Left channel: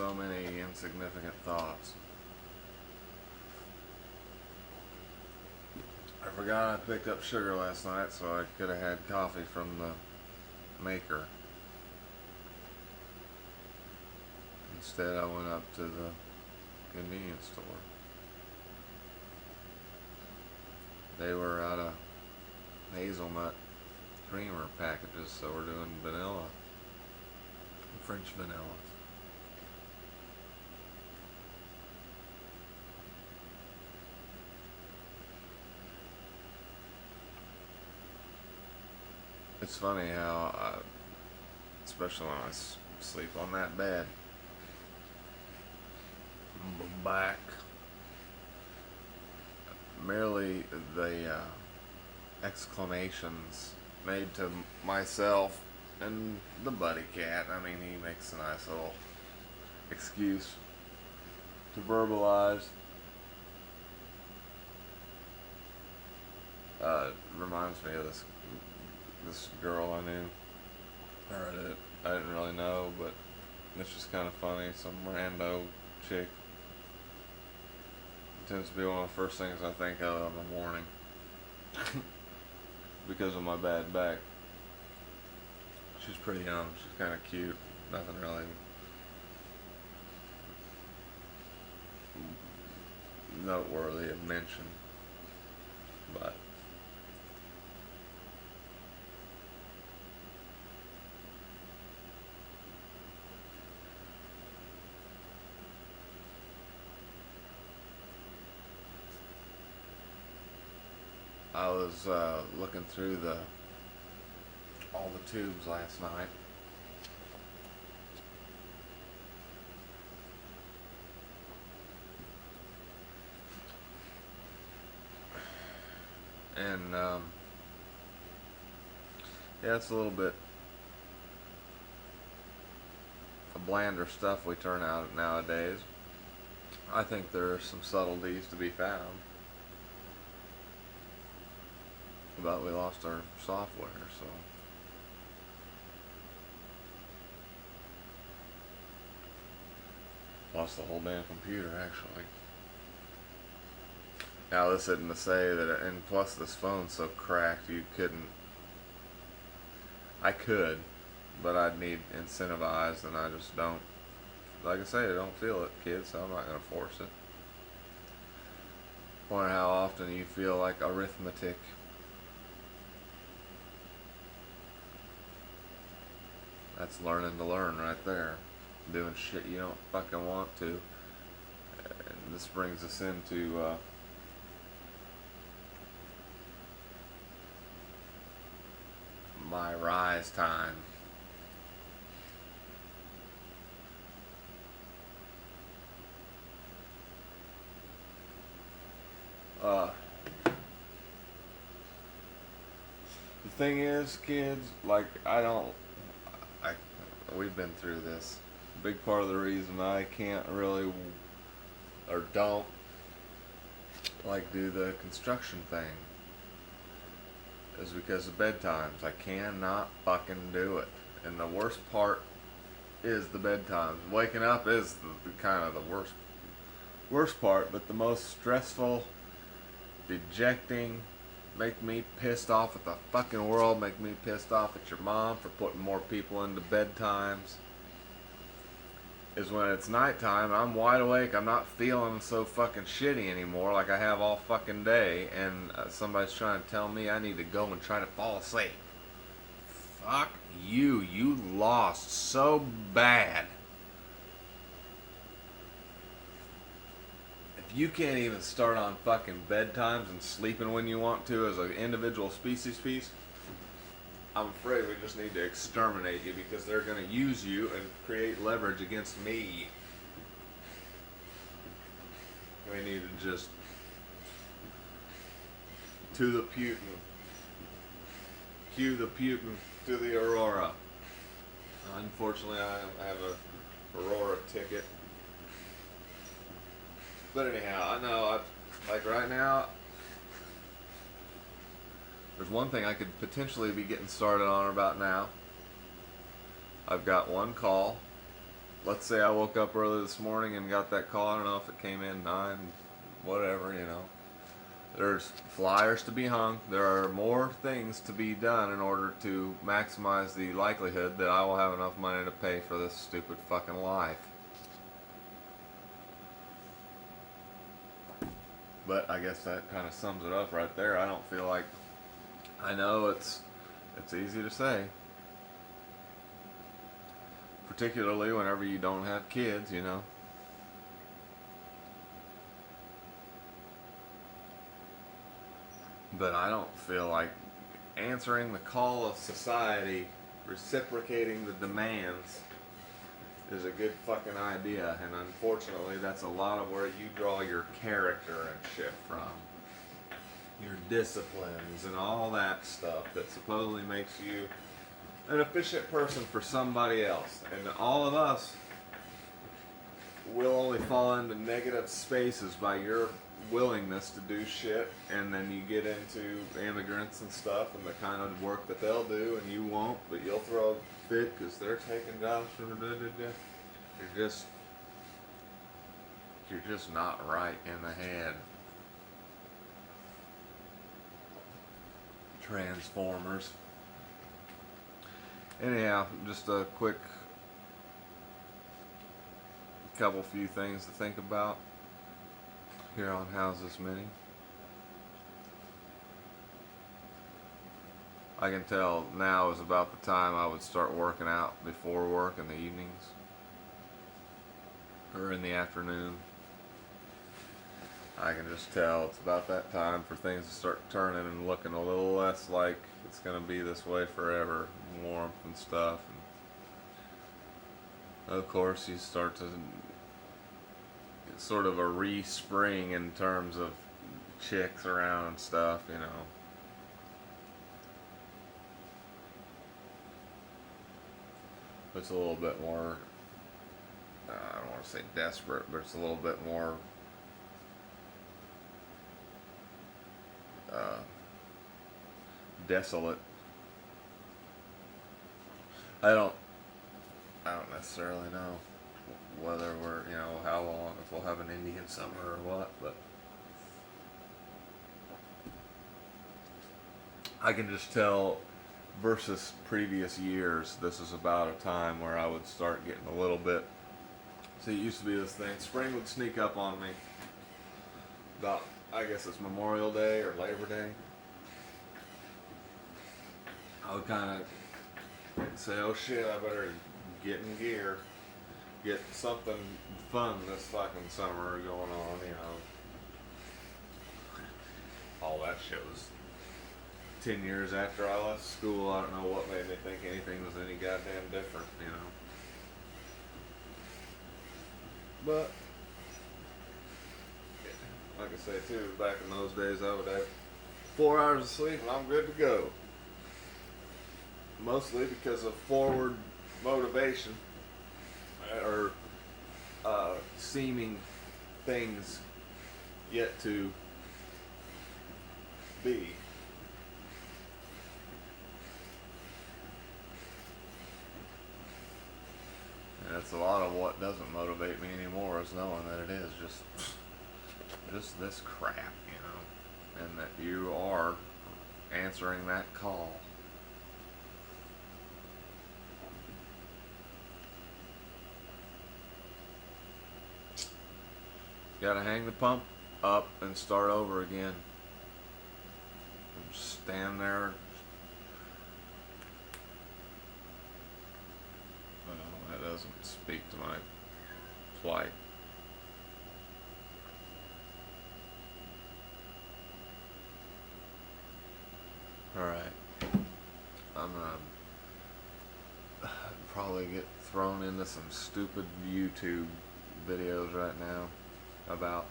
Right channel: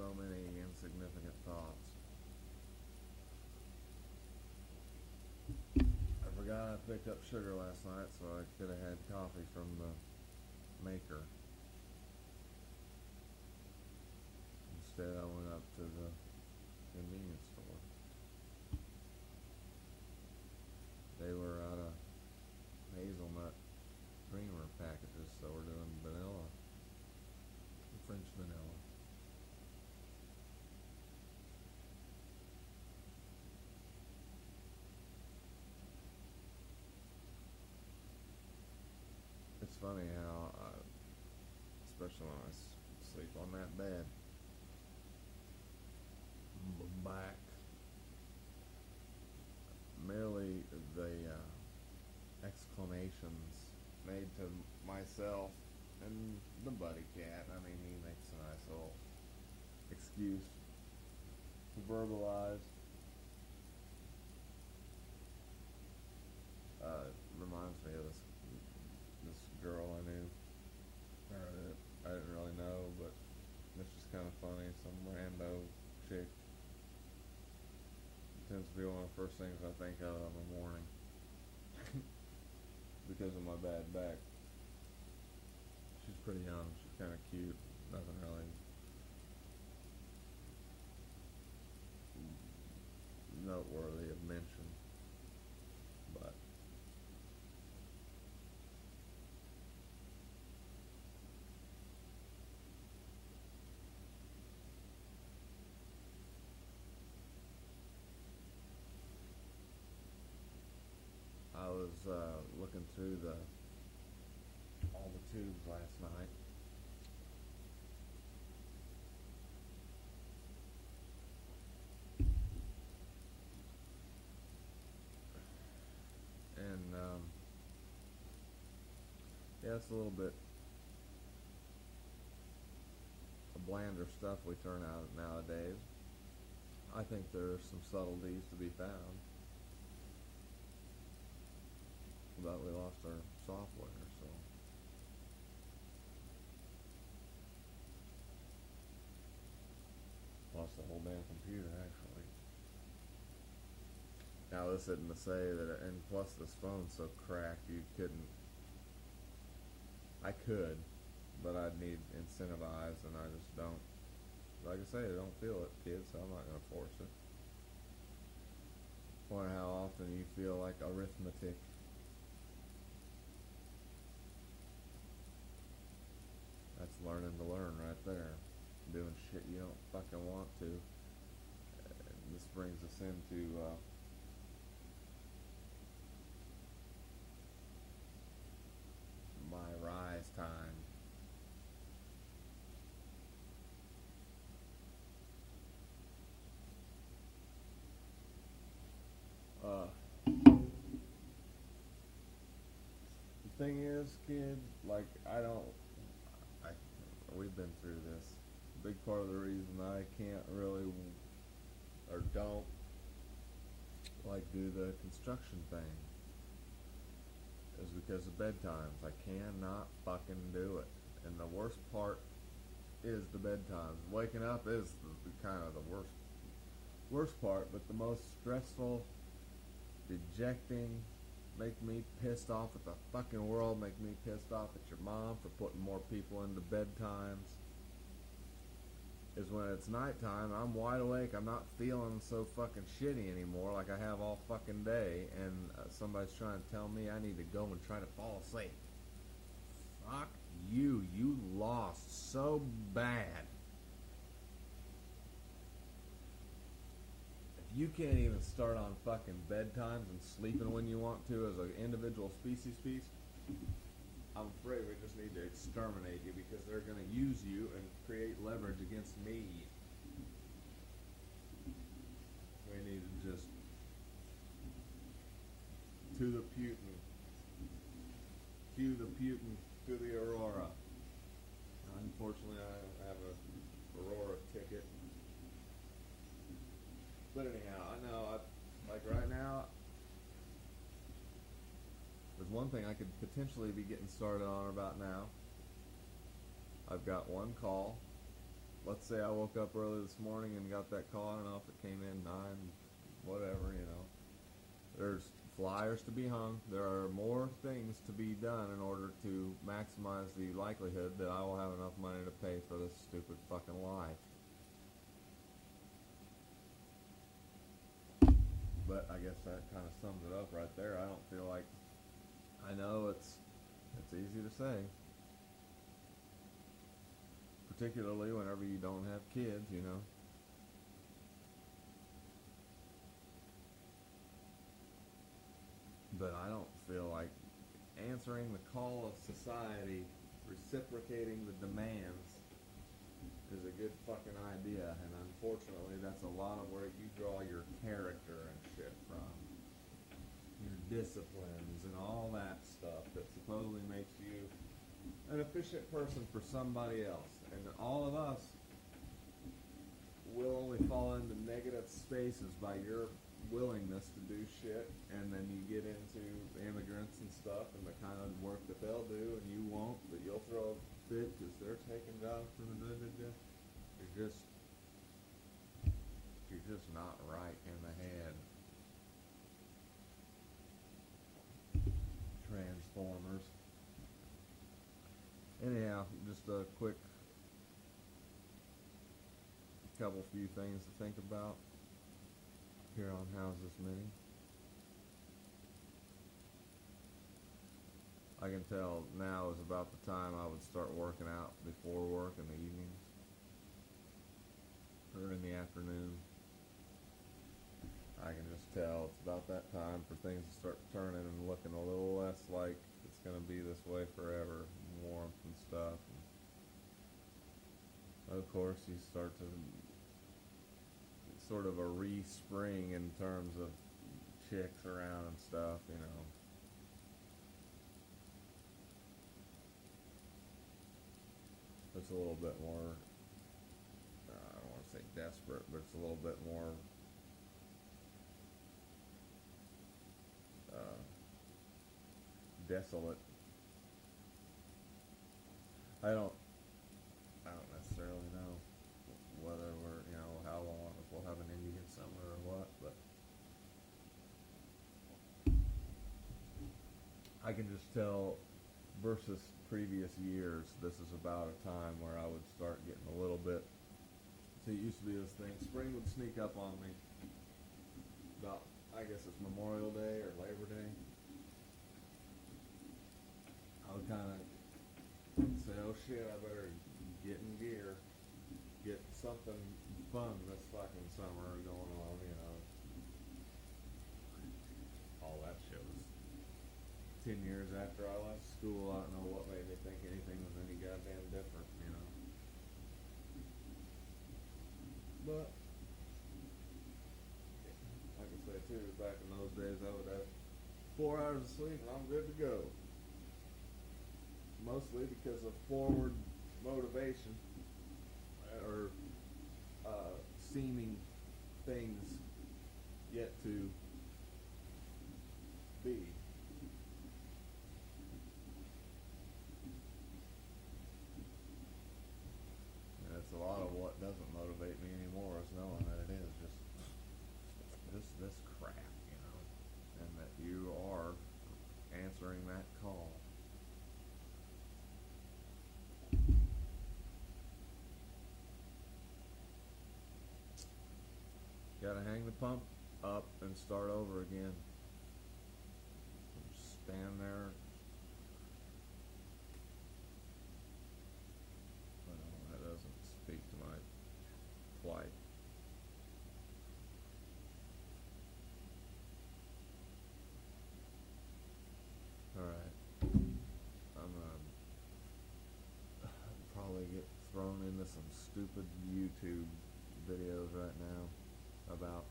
so many insignificant thoughts. I forgot I picked up sugar last night, so I could have had coffee from the maker. Instead, I went up to the convenience store. They were out of hazelnut creamer packages, so we're doing vanilla, French vanilla. It's funny how, especially when I sleep on that bed, back, merely the exclamations made to myself and the buddy cat. I mean, he makes a nice little excuse to verbalize. Reminds me of this girl I knew, or that I didn't really know, but it's just kind of funny. Some rando chick. It tends to be one of the first things I think of in the morning because of my bad back. She's pretty young. She's kind of cute. Nothing really noteworthy of mention, but I was looking through all the tubes last night, and yeah, it's a little bit blander stuff we turn out nowadays. I think there are some subtleties to be found, but we lost our software, so lost the whole damn computer actually. Now this isn't to say that, and plus this phone's so cracked you couldn't. I could, but I'd need incentivized, and I just don't. Like I say, I don't feel it, kids, so I'm not gonna force it. Wonder how often you feel like arithmetic. That's learning to learn right there. Doing shit you don't fucking want to. And this brings us into my rise time. The thing is, kids, like I, we've been through this. Big part of the reason I can't really, or don't, like do the construction thing is because of bedtimes. I cannot fucking do it. And the worst part is the bedtimes. Waking up is kind of the worst part, but the most stressful, dejecting, make me pissed off at the fucking world, make me pissed off at your mom for putting more people into bedtimes, is when it's nighttime and I'm wide awake. I'm not feeling so fucking shitty anymore like I have all fucking day, and somebody's trying to tell me I need to go and try to fall asleep. Fuck you. You lost so bad. If you can't even start on fucking bedtimes and sleeping when you want to as an individual species piece, I'm afraid we just need to exterminate you because they're going to use you and create leverage against me. We need to just to the Putin. Cue the Putin to the Aurora. Unfortunately, I have a Aurora ticket. But anyhow, I know, like right now, there's one thing I could potentially be getting started on about now. I've got one call let's say I woke up early this morning and got that call. I don't know if it came in 9, whatever, you know. There's flyers to be hung. There are more things to be done in order to maximize the likelihood that I will have enough money to pay for this stupid fucking life. But I guess that kind of sums it up right there. I don't feel like, I know it's easy to say, particularly whenever you don't have kids, you know. But I don't feel like answering the call of society, reciprocating the demands, is a good fucking idea. And unfortunately, that's a lot of where you draw your character and shit from. Your disciplines and all that stuff that supposedly makes you an efficient person for somebody else. And all of us will only fall into negative spaces by your willingness to do shit, and then you get into immigrants and stuff and the kind of work that they'll do and you won't, but you'll throw a fit because they're taking jobs from the you're just not right in the head. Transformers. Anyhow, just a quick few things to think about here on How's This Mini. I can tell now is about the time I would start working out before work in the evenings or in the afternoon. I can just tell it's about that time for things to start turning and looking a little less like it's going to be this way forever, warmth and stuff. And of course, you start to, it's sort of a re-spring in terms of chicks around and stuff, you know. It's a little bit more, I don't want to say desperate, but it's a little bit more desolate. I don't necessarily know whether we're, you know, how long, if we'll have an Indian summer or what, but I can just tell versus previous years, this is about a time where I would start getting a little bit, see, it used to be this thing, spring would sneak up on me about, I guess it's Memorial Day or Labor Day. I would kind of say, oh shit, I better get in gear, get something fun this fucking summer going on, you know. All that shit was 10 years after I left school. I don't know what made me think anything was any goddamn different, you know. But like I say too, back in those days I would have 4 hours of sleep and I'm good to go. Mostly because of forward motivation or seeming things yet to be. And it's a lot of what doesn't motivate me anymore is knowing that it is just this crap, you know, and that you are answering that call. Gotta hang the pump up and start over again. Just stand there. Well, that doesn't speak to my plight. Alright. I'm gonna probably get thrown into some stupid YouTube videos right now about